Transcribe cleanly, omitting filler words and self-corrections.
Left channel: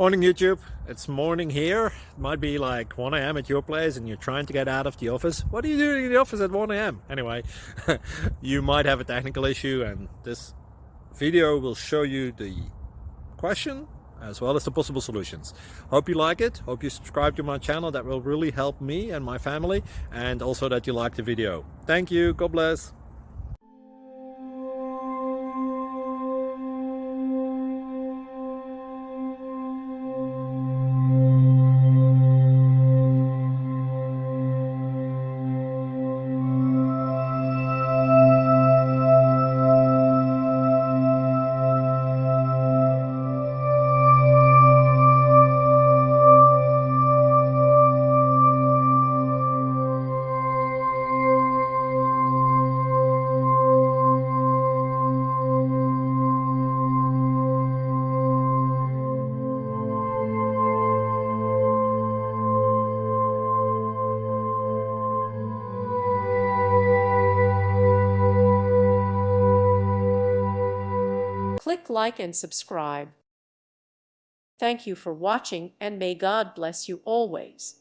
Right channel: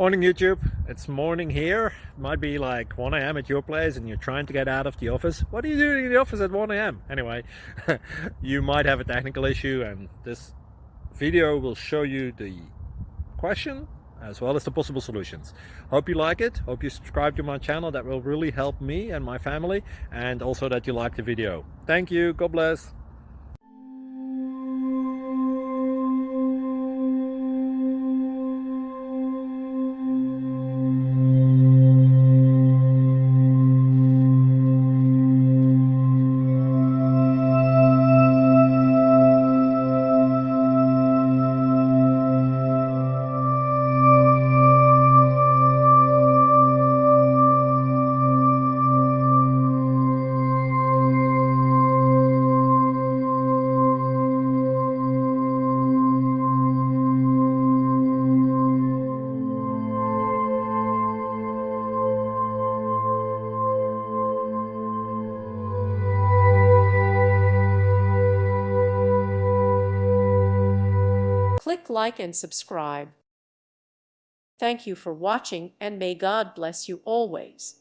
Morning YouTube, it's morning here. It might be like 1 a.m. at your place and you're trying to get out of the office. What are you doing in the office at 1 a.m.? Anyway, you might have a technical issue and this video will show you the question as well as the possible solutions. Hope you like it, hope you subscribe to my channel. That will really help me and my family, and also that you like the video. Thank you, God bless. Click like and subscribe. Thank you for watching, and may God bless you always.